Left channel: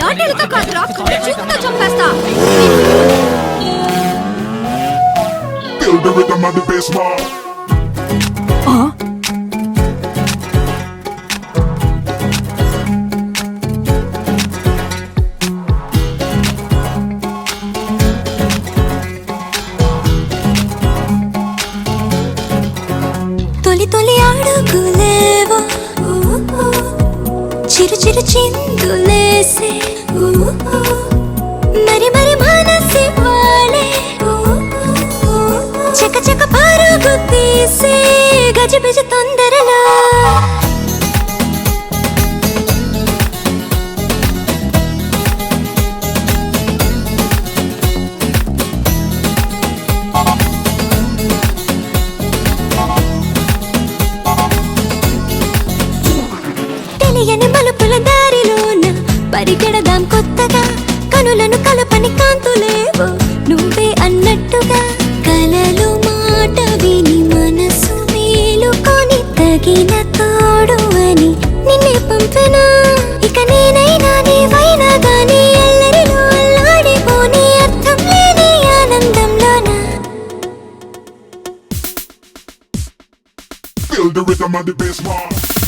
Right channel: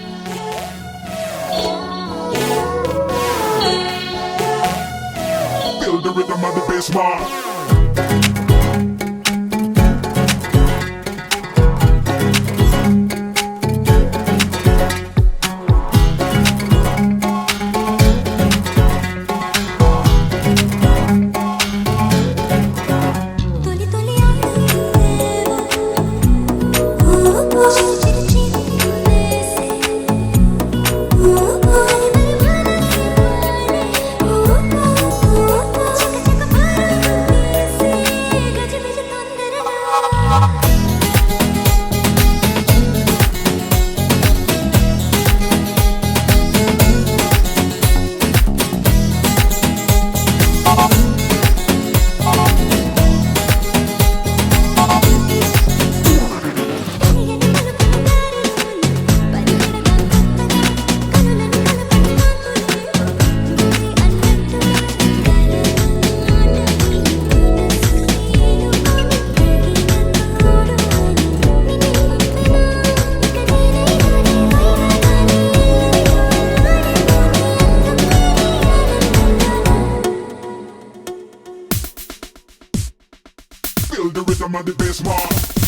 లాఠీలతో కాదురా చూపుతో చంపేస్తా. Feel the rhythm of the bass mark. తొలి తొలి అడుగులేవో చిరు చిరు చిందులేసే మరి మరి మనసి వాలే చక చక పరుగు తీసే గజిబిజ తొందరలో తెలియని మలుపుల దారిలోన పరిగెడదాం కొత్తగా కనులను కలపని కాంతులేవో నువ్వే అన్నట్టుగా కలలు మాట విని మనసు మేలుకొని తగిన తోడు అని నిన్నే పంపెనా ఇక నేనైనా నీవైనా గానీ ఎల్లరిలో అల్లాడిపోని అర్థం లేని ఆనందంలోనా Feel the rhythm of the bass mark.